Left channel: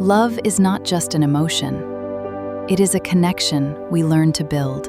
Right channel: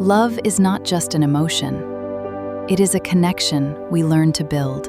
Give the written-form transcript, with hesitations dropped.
Love is not just an emotion. It is a connection we learn to build.